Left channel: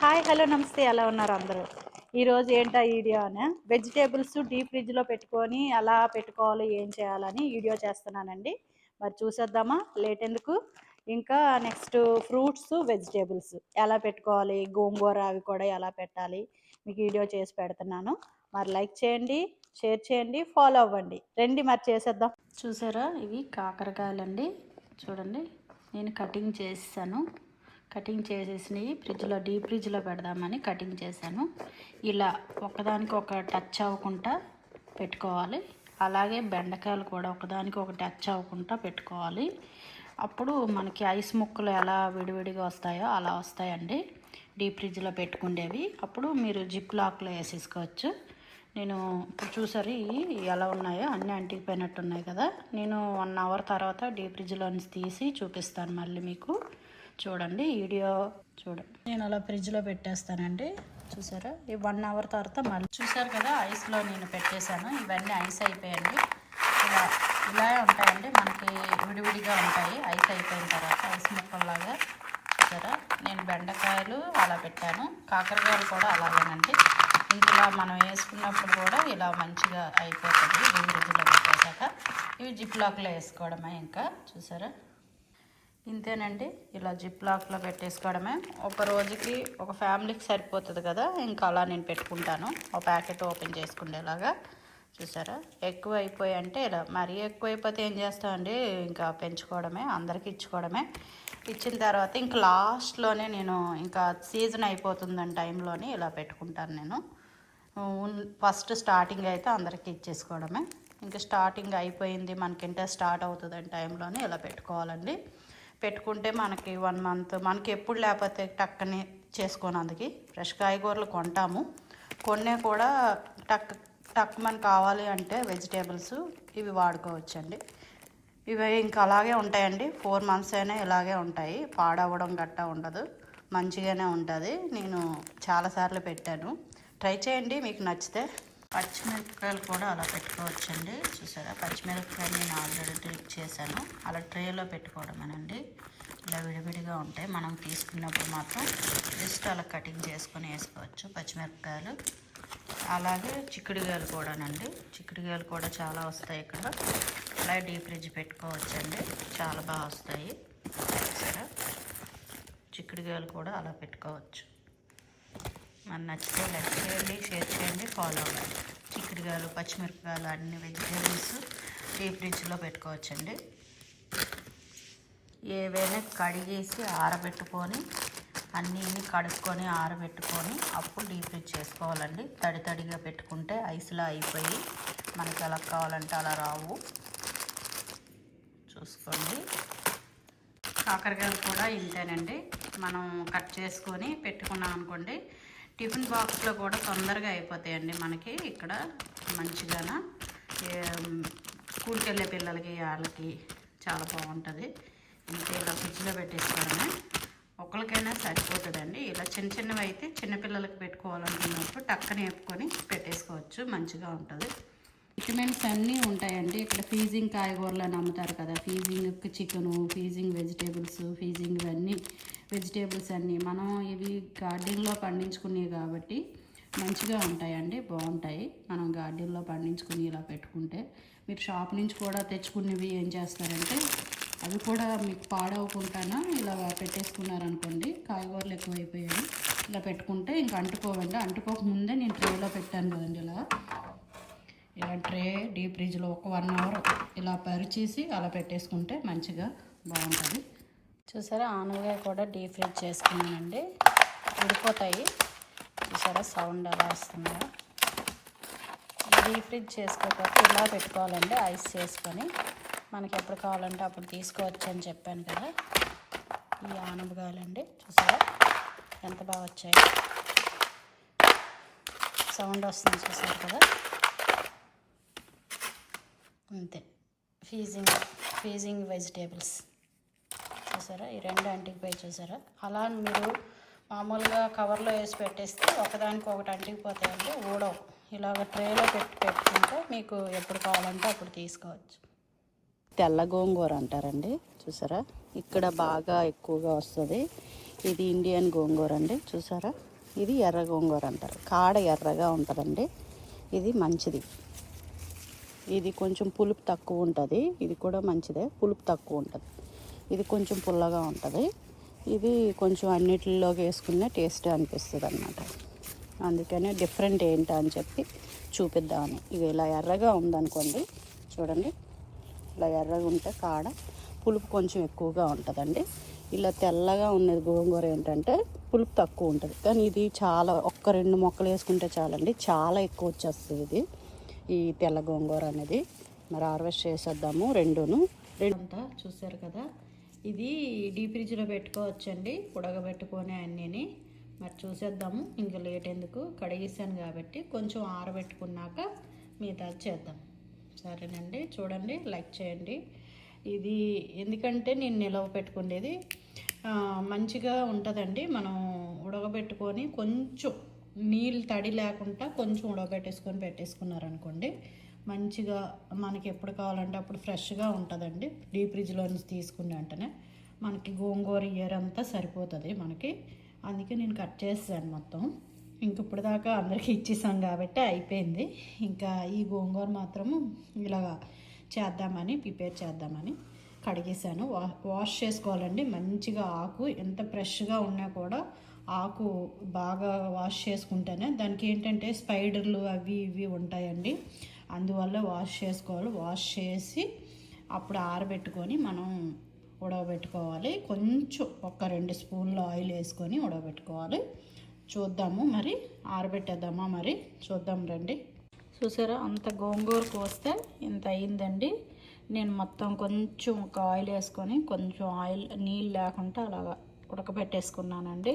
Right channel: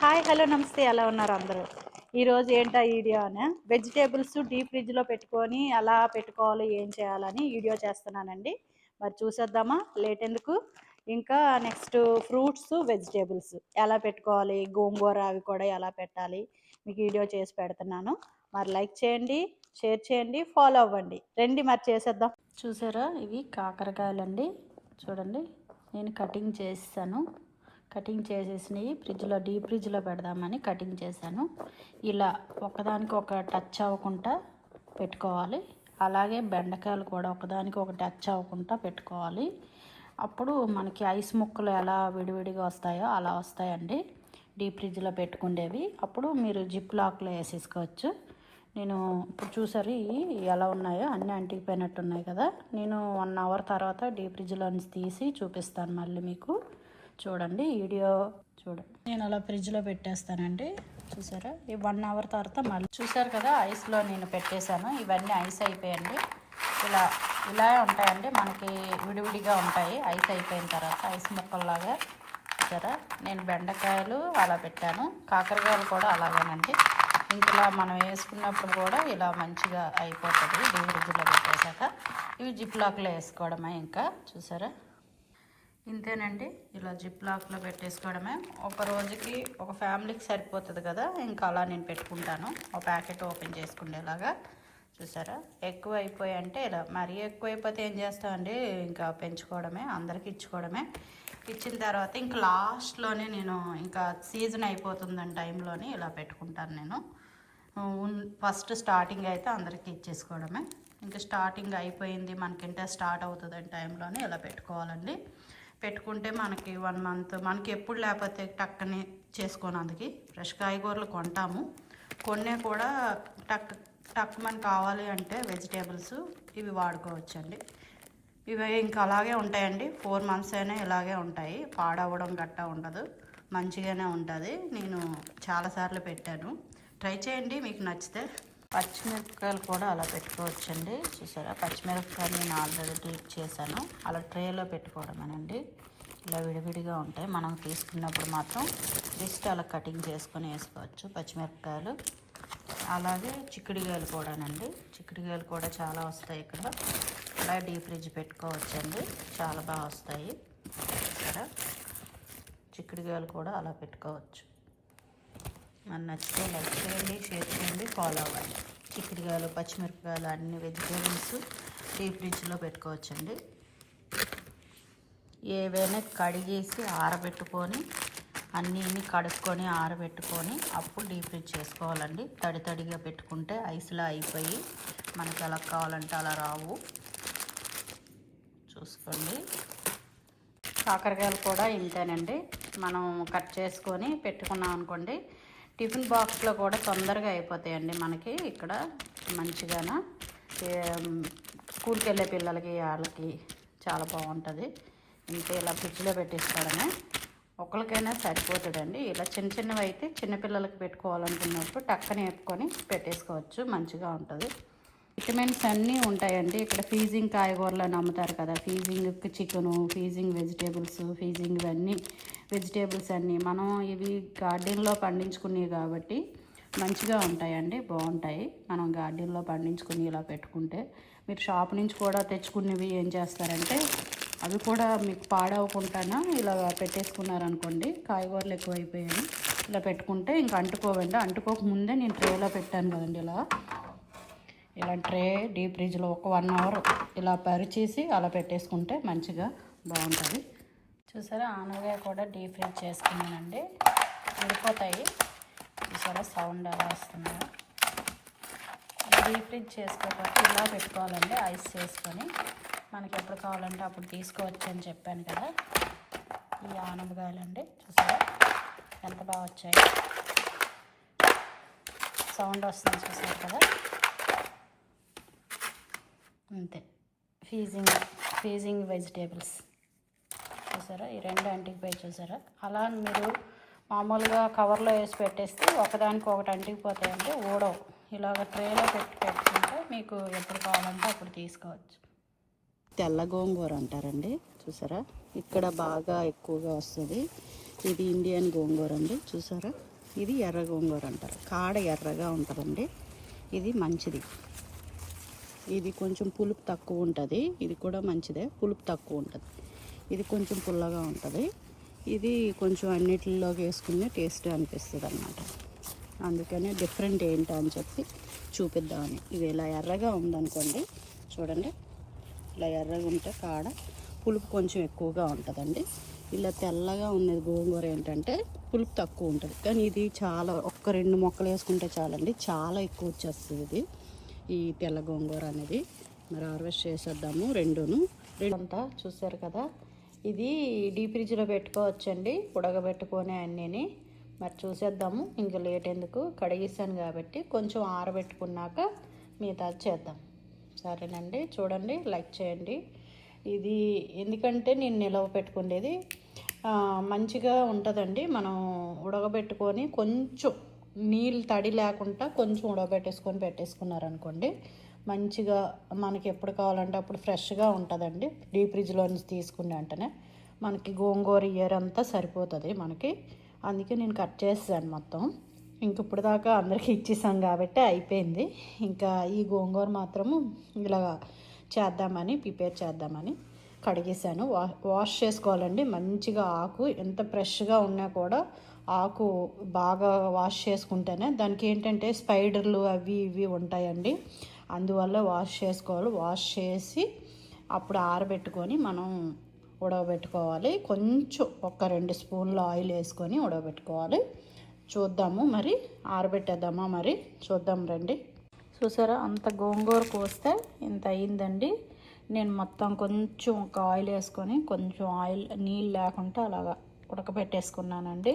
Hi hello నమస్తే, ఎలా ఉన్నారు అందరూ? ఈరోజు ఏంటా వీడియో అని వెజిటేబుల్స్ డీప్ ఫ్రిడ్జ్లో పెట్టుకొని ఎలా పెట్టుకోవాలి, ఏం చేయాలని వీడియో చేస్తున్నానండి. మరి చూసేద్దామా లేట్ ఎందుకు. ఇంకా నెక్స్ట్ ఫ్రూట్స్ వెజిటేబుల్స్ ఎలా పెట్టుకోవాలి, గోంగూర అవి కూడా ఎలా పెట్టాలి మీకు వీడియో చేసి పెడుతున్నాను. మరి లైక్ చేయండి, షేర్ చేయండి, ఫాలో అవ్వండి. రండి మరి చేసేద్దాం. చూసారా, ఇవి కాకరకాయలండి. చూడండి, నేను కటింగ్ చేసాను. కటింగ్ చేసేసినవి డీప్ ఫ్రిడ్జ్లో పెడదామని కటింగ్ చేశాను. ఇలా ఒకదానికి ఒక టచ్ అవ్వకుండా పెట్టుకోవాలి. అలాగే బెండకాయలు కూడా ఒకదానికి ఒక టచ్ అవ్వకుండా పెట్టుకోవాలి. అప్పుడు మనకి ఐస్ ముక్కలు ఎలా విడివిడిగా వస్తాయో అలా వస్తాయండి డీప్ ఫ్రిడ్జ్లో పెట్టుకుండేవి. అప్పుడు మీరు జిప్ లాక్లో వేసేసుకోవచ్చు. నేను ఇప్పుడు చూసారు ఎలా ఉన్నాయో అన్నీ అంటికిపోయినట్టు ఉన్నాయి కదా. నేను 1 అవర్ తర్వాత డీప్ ఫ్రిడ్జ్లో నుంచి తీసి చూపిస్తాను మళ్ళీ మీకు. చూడండి వీడియో చూడండి. నేను అలా ఫ్రిడ్జ్లో పెట్టేస్తానండి. చూసారా, ఈ 1 అవర్ తర్వాత మళ్ళీ చూసారు కదా, ఐస్లో నేను పెట్టేశాను. ఇవన్నీ ఐస్ అయిపోయండి. ఇలా ఇలా ఉంటాయండి, మనకి విడివిడిగా ఉంటాయి ఐస్ అయిపోయిన తర్వాత, ఐస్ ముక్కల్లాగా. చూసారా, నేను బెండకాయలు అలా పెట్టాను, కాకరకాయలు కూడా అలాగేనండి. ఇంకలా మనం వేసుకున్నప్పుడు కూడా ఇలా మంచిగా అయిపోతుంది డీప్ ఫ్రిడ్జ్లో పెట్టేశాక. ఇవి జిప్ లాక్లో వేసుకోవడమే. ఇంకా చూసారా, ఇంతేనండి. ఇలా జిప్ లాక్లో పెట్టేసుకోవడమే. ఒక రోజుకి ఒక ఫ్యామిలీకి సరిపోతుంది కదా. ఇంకా అలా నేను పెట్టుకుంటాను, ఒక ప్యాకెట్ ఓపెన్ చేసుకునేలాగా. చూసారా, ఎక్కువ అయిపోయి అంటే ఇలా, మరీ ఎక్కువ అయిపోతే ఏం చేస్తామండి, ఇంకా పెంచుకోవడమే, అందరికి ఇచ్చుకోవడమే. ఇచ్చిన తర్వాత ఇంకా లాస్ట్లోనే నేను ఇంకా సీజన్ అయిపోతుందని టైంలోనే ఇలా పెట్టుకుంటాను నేను. ఫస్ట్ స్టార్టింగ్ అయితే అందరికీ ఇచ్చేసుకోవడమే. ఇంకా స్టార్టింగ్ అయిపోయింది మనకింటే స్టార్ట్ అవుతుందని టైంలోనే ఇలా పెట్టుకోవాలండి. పెట్టుకుంటే మనకి 1 మంత్, మనకి ఎప్పుడు లేకపోతే టక్కని చేసుకోనందుకు ఫ్రెష్ కాయగూరలు కొంటాము. కొన్నే కూడా టక్ మనకు కావాలి అంటే వెజిటేబుల్స్ ఇవి వాడుకోవచ్చండి. ఇవి ఇంకా అలాగే ఉంటాయండి, 4 మంత్స్ అయినా ఇలాగే ఉంటాయి. పాడవడం గట్టా ఉండదు, మంచిగానే ఉంటుంది. నేను చాలాసార్లు పెట్టాను, ట్రై చేయండి మీకు నచ్చితే. పచ్చిమిరపకాయలు కూడా అలా పెట్టుకోవచ్చండి. చూసారా, పచ్చిమిరపకాయలు నేను ఆల్రెడీ క్లిక్ చేశాను. అలా ట్రేలో పెట్టుకోవడమేనండి. ఇలా విడివిడిగా ఉంటాయి, మనం తీసుకున్నప్పుడు మాత్రం జస్ట్ అలా కటింగ్ చేసుకొని వేసుకోవచ్చు పచ్చిమిరపకాయలు. అలాగే చిక్కుడుకాయలు కూడానండి. చిక్కుడుకాయలు కూడా చాలా వస్తాయి ఇక్కడ. అలా డీప్ ఫ్రిడ్జ్ పెట్టుకోవచ్చండి, చాలా బాగా వస్తాయి. చూసారా, చిక్కుడుకాయలు కూడా అలా పెట్టుకోవచ్చు. మన నచ్చితే లైక్ చేయండి, షేర్ చేయండి, ఫాలో అవ్వండి. చిక్కుడుకాయలు, పచ్చిమిరపకాయలు అన్ని వెజిటేబుల్స్ డీప్ ఫ్రిడ్జ్లో పెట్టుకోవచ్చండి. ఏవైనా కడిగేసి ఆరబెట్టుకొని, అన్నీ కడుక్కొని ఆరబెట్టుకొని అప్పుడు డీప్ ఫ్రిడ్జ్ చేసుకోవాలండి. తడిగా పెట్టుకుంటే ఐస్లా అయిపోయి మనకి ఎలా కావాలంటే అలా రావు. చూసుకోండి. కాకరకాయలు కూడా ఇంతేనండి, మనం కట్ చేసుకొని పెట్టుకున్నాం అనుకోండి, టిఫిన్ బాక్స్లో కూడా తొందరగా అయిపోతాయండి మనకి. ఇక్కడ మంచిగాన స్కూల్కి వెళ్ళే పిల్లలకి వాళ్ళకి చాలా బాగుంటుంది. ఇంతే ఇలా ఫ్రిడ్జ్లో పెట్టేసుకోవడమే. ఒకరికైనా సరిపోతుందండి. ఇలా చిన్నవి అయితే చిన్నపిల్లలకి పెట్టుకోవాలనుకున్నప్పుడు టక్కన వేపుకొని పెట్టేసుకోవచ్చు, మంచిగా ఉంటుంది. విటమిన్స్ అన్నీ ఉంటాయండి ఇక్కడ. ఫీజింగ్ కాయగూరలు అని అమ్ముతారు కదా, freezing chicken, freezing vegetables, freezing ఇవన్నీ వెజిటేబుల్స్ అన్నీ మనం ఇవి గార్డెన్లో పండించుకునేవి కాబట్టి మంచిగా ఉంటాయండి, బాగుంటాయి. మనం గార్డెన్లో పండించుకుని ఇలా పెట్టుకుంటే, మీరు షాప్ నుంచి కూడా తెచ్చుకునేవి ఏం చేస్తారంటే అవి కూడా మీకు పాడవకుండానా ఇలా పెట్టేసుకున్నారనుకోండి. కాయగూరలు ఎక్కువైపోయాయి, ఇలా పెట్టుకుంటే ఇంకా అంటుకోవండి. అంటుకోకముందే నేను ట్రేలో పెట్టాను కదండి, ఇలా ట్రే డీప్ ఫ్రిడ్జ్లో ఒక 1 అవర్ ఇలా పరిచేసి అలా పెట్టేసుకుంటే మంచిగా బాగుంటుంది. చూసారా, ఆనగా కూడా డీప్ ఫ్రిడ్జ్ చేసుకున్నానండి, ఉడిపోతాయి. చూసారా సౌండ్ అలా వస్తున్నాయా. డీప్ ఫ్రిడ్జ్ చేసుకోకపోతే ఇలా పెట్టుకోవాలండి, ఐస్ చేసుకొని మనకి ఎప్పుడు కావాలంటే అప్పుడు తీసుకోవచ్చు అని చెప్పాను కదా. ఈ ఆనపకాయలండి, చూసారా ఎంత బాగా వచ్చాయి, సౌండ్ వస్తుంది చూసారు కదా. అంతే, ఫీజింగ్ వెజిటేబుల్స్ చూసారా, ఈ 2 అంటికిపోయి చూసారా. అలా మీరు మామూలుగా కవర్లో వేసి పెట్టేస్తే ఒకదానికి అంటికిపోతాయండి, ఊడవు. ఇలాగ ట్రేలో పెట్టుకుంటే మీకు ఎప్పుడు కావాలంటే అప్పుడు తీసుకోవచ్చు. తెల్ల గోంగూర అంటారండి. చూసారా, ఇక్కడ బాగా ఎక్కువగా వస్తుంది. ఇది ఇండియన్ గోంగూర అండి, చూసారా? ఇది ఎర్ర గోంగూర అంటారు, కాడ ఎర్రగా ఉంటుందండి. ఇది మంచిది. ఇది కొంచెం పులుపు తక్కువ ఉంటుంది. ఇది కూడా మంచిదే, పులుపు తక్కువ ఉంటుంది. ఇది కొంచెం పుల్లగా ఉంటుంది. ఇది కొంచెం అన్నిటిలోకి వేసుకున్న టేస్ట్ అనిపిస్తుంది అన్నమాట. అందుకనే డిఫరెంట్ ఏంటో అని చెప్పి చూపిద్దామని. ఇది ఇలా ఎర్రగా ఉందనుకోండి, చూడండి, ఇలా ఎర్రగా ఉంటే కాడ పులుపు కొంచెం ఎక్కువగా ఉంటుందండి. ఇలా తెల్లగా ఉన్నది గోంగూర ఏంటంటే పులుపు తక్కువ ఉంటుంది. కానీ ఇది చాలా, 1-2 మొక్కలు వేసుకుంటే చాలండి, చాలా ఎక్కువ వచ్చేస్తుంది ఇది, ఈ తెల్ల గోంగూర అనేది. మరి హార్వెస్ట్ చేసేద్దాము రెండును. అంతా చూసారు కదా, ఇది డీప్ ఫ్రిడ్జ్లో పెట్టుకోవచ్చండి, ఉడకబెట్టుకొని అన్నీని. మరి చూసేద్దాము, ఇంకా లేట్ ఎందుకు, కడిగేసాను కాబట్టి కొంచెం ఆరబెట్టుకున్నాక మిగతా చేద్దాం. సరేనండి, చూడండి, లైక్ చేయండి. ఇది ఎందుకంటే నేను నిలవ పెట్టుకునేది మంచిగా ఉంటుందండి. మనం ఉడకబెట్టుకొని కొంచెం నీళ్ళు తడి లేకుండా కొంచెం ఉడకబెట్టేసుకొని పెట్టేసుకున్నారనుకోండి, మంచిగా మనకి ఎప్పుడు కావాలంటే అప్పుడు ఫ్రెష్గా ఉంటుందండి. డీప్ ఫ్రిడ్జ్లో నుంచి తీసుకున్న వెంటనే మనకి గోంగూర ఇయర్ అంతా సరిపోతుంది మనకి. అందుకే నేను కట్ చేసాను మొత్తం. ఇంక ఇప్పుడు దాకా అందరికీ ఇచ్చేసాను కాబట్టి అయిపోయింది. ఇంకా ఈ గోంగూర మాత్రము ఇలా చేద్దామని, ప్రిపేర్ చేద్దామని కడిగేసాను. వాష్ చేసుకోవాలండి మంచిగా. ఆకు ఎంత ఫ్రెష్గా ఉన్నా కూడా ఆకు బాగా వాష్ చేసుకుంటేనే, దానికి ఏంటంటే స్పైడర్లు అవి ఇవి ఉంటాయండి, అందువల్ల వాష్ చేసుకోవాలి. వాష్ చేసి అప్పుడు ఆరబెట్టుకొని మనం ఉడకబెట్టుకోవాలి. కొంచెం 1-2 స్పూన్లు ఆయిల్ వేసుకొని ఉడకబెట్టుకోవాలి. చూద్దాము, మరి ఆరబెట్టేద్దామా, మరి చూద్దాం రండి. చూసారా, అంత గోంగూర కోస్తే ఇంత అయిందండి. నేను మొత్తం కొంచెం ఒక ఆయిల్ వేసుకొని, కొంచెం ఆయిల్ నీళ్ళు లేకుండా అలాగా ఉడకబెట్టేసుకున్నానండి.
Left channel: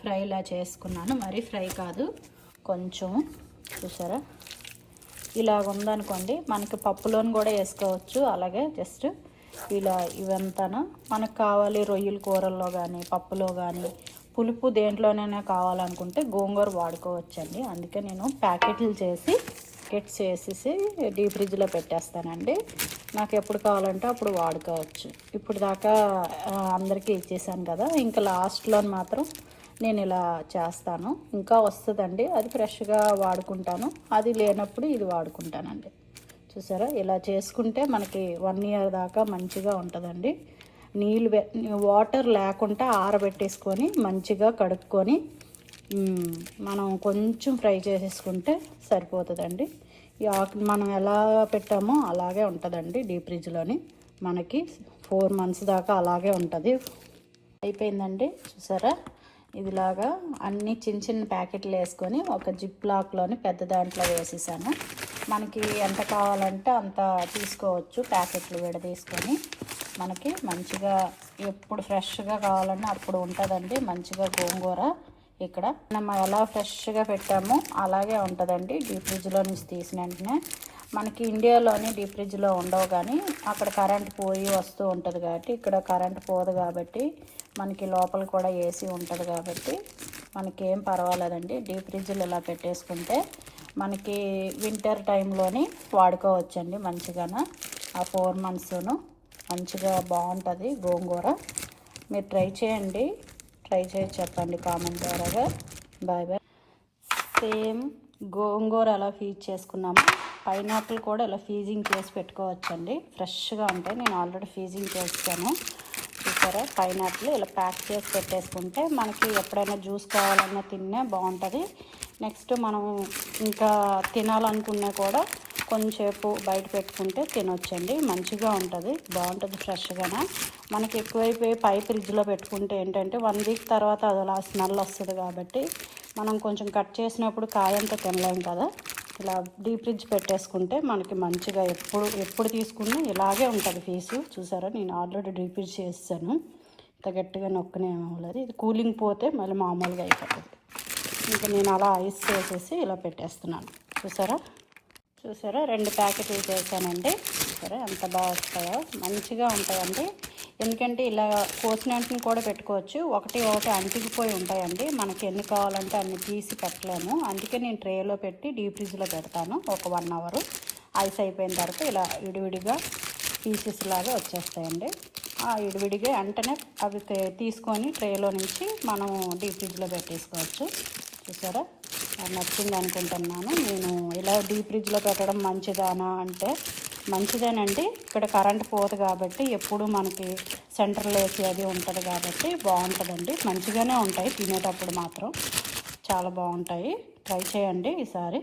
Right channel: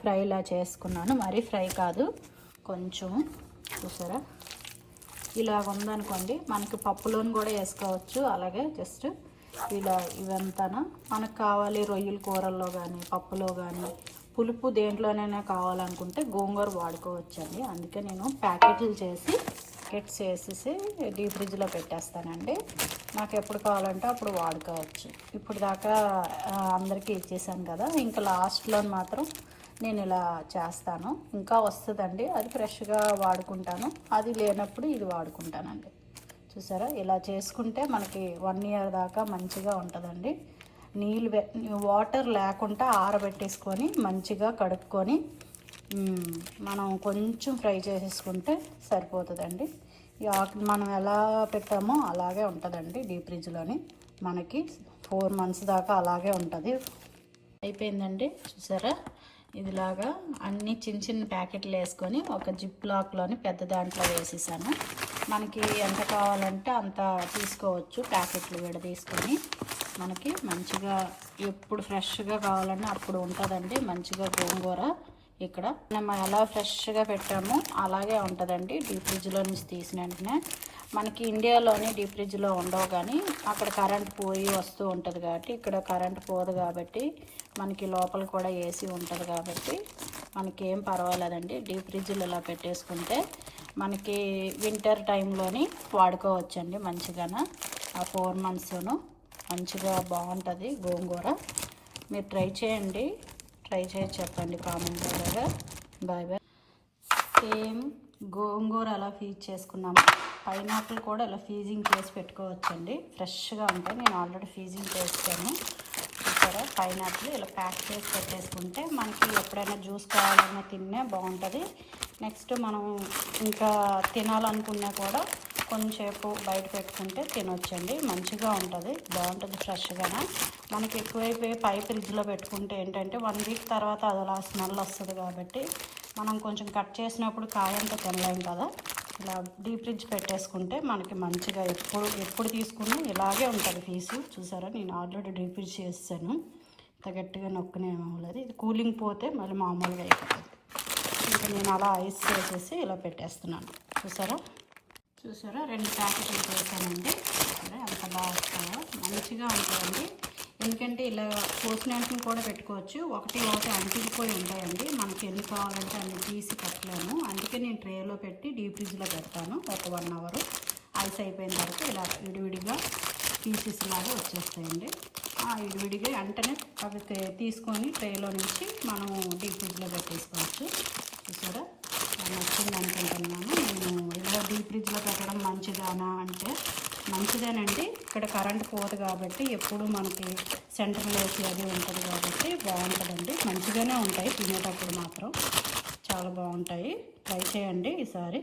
ఫ్రైలా చేసుకున్నాను, మరీ ఫ్రై కాదు, కొంచెం. చూసారా, ఇలాగ ఉందనుకోండి, మనకి పప్పులోని కూడా వేసుకోవచ్చు. అలాగే జస్ట్ ఇలా ఇవంతా మనకు కావాలి, రొయ్యల కూరల్లో కానీ పప్పులో కానీ పులుపు దేంట్లోనైనా కావాలనుకుంటే గోంగూర వాడుకోవచ్చండి. అందుకే నేను ప్యాకెట్లు చేసి కిట్స్ వేసేసి డీప్ ఫ్రిడ్జ్లో పెట్టేస్తానండి. నాకు ఎప్పుడు కావాలంటే అప్పుడు వాడుకోవచ్చు. ఇప్పుడు దాకా అందరికీ ఇచ్చేసాను కదా, ఇంకా లాస్ట్లో మాత్రం నేను ఇలా చేస్తాను. ఇంకా వస్తుందండి, అది ఫ్రెష్గా వాడుకుంటాను. అది లేనప్పుడు ఇది వాడుకుంటానండి. చూసారా, ఇలా చేసుకుంటే మనకి 1 ఇయర్ దాకా మంచిగా ఉంటుందండి. వాటర్ లేకుండా ఆరబెట్టేసుకొని మంచిగా కడుక్కొని మనం కొంచెం ఫ్రై చేసేసుకుంటే సరిపోతుందండి. ఈ ఆకు మనం ఎలా పెట్టామో అలాగే ఉంటుందండి డీప్ ఫ్రిడ్జ్లోని. మనకి 4 months దాకా అలాగే ఉంటుంది. అయిపోయిందండి. చూసారా, ఇదిలాగా అన్ని చిన్న చిన్న ప్యాకెట్లు వేసుకొని ఒక జిప్ లాక్లోని పెద్ద దాంట్లో వేసేసాను. మనకి ఎంత కావాలంటే అంత తీసుకోవచ్చు, ప్యాకెట్లు విడదీసుకొని. మనకి మంచిగా ఎప్పుడు ఫ్రెష్గా కావాలన్నా అప్పుడు ఉంటుందండి మంచిగా గోంగూర. ఇక్కడ మనం ఎలా ఫ్రెష్గా పెట్టామో అలాగే ఉంటుందండి డీప్ ఫ్రిడ్జ్లో నుంచి తీసిన వెంటనే. మనకి ఇండియాలోని డీప్ ఫ్రిడ్జ్లో ఉండవు, కానీ అక్కడ కరెంట్ పోయి వస్తూ ఉంటుంది కాబట్టి, ఇక్కడ కరెంట్ పోదు కాబట్టి మనకి లోపల కూడా ఏసీ ఉంటుంది కాబట్టి మనకేం పర్వాలేదండి. డీప్ ఫ్రిడ్జ్లో ఇలా పెట్టేసుకుంటే మనకి వింటర్ టైంలోని వాడుకోవచ్చండి మంచిగానే. ఆ 4 months మంచిగా బాగుంటుంది గోంగూర. మీరు ట్రై చేయండి, ట్రై చేసి చెప్పండి కామెంట్ ద్వారా. Bye bye. సేమ్ గోంగూర ఎలా ఫీజ్ చేసుకున్నాము, పైనాపిల్ కూడా ఇలా ఫీజింగ్ చేసి పెట్టుకోవచ్చండి, ఫ్రెష్గా ఉంటాయి. నేను ఆల్రెడీ ఫీజింగ్ చేస్తాను. చూసారా, పైనాపిల్ ఇలా ప్యాక్ చేసి పెట్టేసుకుంటే మనకి ఎప్పుడైనా జ్యూస్ కావాలన్నా తిన్నా బాగుంటుంది. నెక్స్ట్ మనం ఇంకా తినాలనుకున్నా కూడా కొంచెంసేపు బయట పెట్టుకుంటే తినొచ్చండి, మంచిగా ఉంటుంది, బాగుంటుంది ఫ్రెష్గానే. మనకి ఎక్కువైపోయి ఫ్రిడ్జ్లో పెట్టుకుంటే ఏంటంటే 1 week తర్వాత అది అలా స్మెల్ వస్తుంది కాబట్టి మనం కొంచెం కట్ చేసినప్పుడు కాయంతా తినలేం కదా. ఇలా డీప్ ఫ్రిడ్జ్ పెట్టేసుకుంటే మనకి మంచిగా ఎప్పుడు తీసుకున్నా ఇలాగే ఉంటుంది పీసు. చూసారా, నేను ఆల్రెడీ డీప్ ఫ్రిడ్జ్ చేసాను, ఇంత గట్టిగా నొక్కనే అవ్వలేదు. ఇది కూలింగ్ పోతే మళ్ళీ మామూలుగా అయిపోతుంది. ఇంకా నేను అలా ఐస్ చేసేసి ఇలా పెట్టేస్తున్నాను. చూసారా 2 ప్యాకెట్లు చేశానండి. సరే, ఎంత బాగా వస్తాయో, మంచిగా ఉంటాయండి. ఎందుకంటే ఇలా పోసిన వెంటనే కూడా పెట్టుకోవచ్చు. ఒకటి అంటికిపోయి ఉంటాయండి, మనకి ఎన్ని కావాలంటే అన్ని తీసి పెట్టలేము. అందుకే నేను ట్రేలో పెట్టి డీప్ ఫ్రిడ్జ్లో పెడతాను. ఒక 1 hour ఐస్ అయిపోయిన తర్వాత ఇలా విడివిడిగా పీసెస్ లాగా వచ్చేస్తాయండి. విడివిడిగా వెంటనే అవి తీసుకొని ట్రేలో నుంచి మనం డీప్ ఫ్రిడ్జ్లో పెట్టేసుకోవచ్చు. చూసారా, నచ్చింది అనుకుంటున్నాను. నేను ఇలా డీప్ ఫ్రిడ్జ్లో పెట్టడం మంచిదానా అంటే మంచిదేనండి. ఇక్కడ కరెంట్ పోదు కాబట్టి ఎప్పుడు మనకి సెంటర్లో వేసి అది ఉంటుంది కాబట్టి బాగుంటుందండి. మంచిగానే ఉంటాయి, తినేటప్పుడు మాత్రం చాలా బాగుంటాయి. ట్రై చేయండి ఈసారి.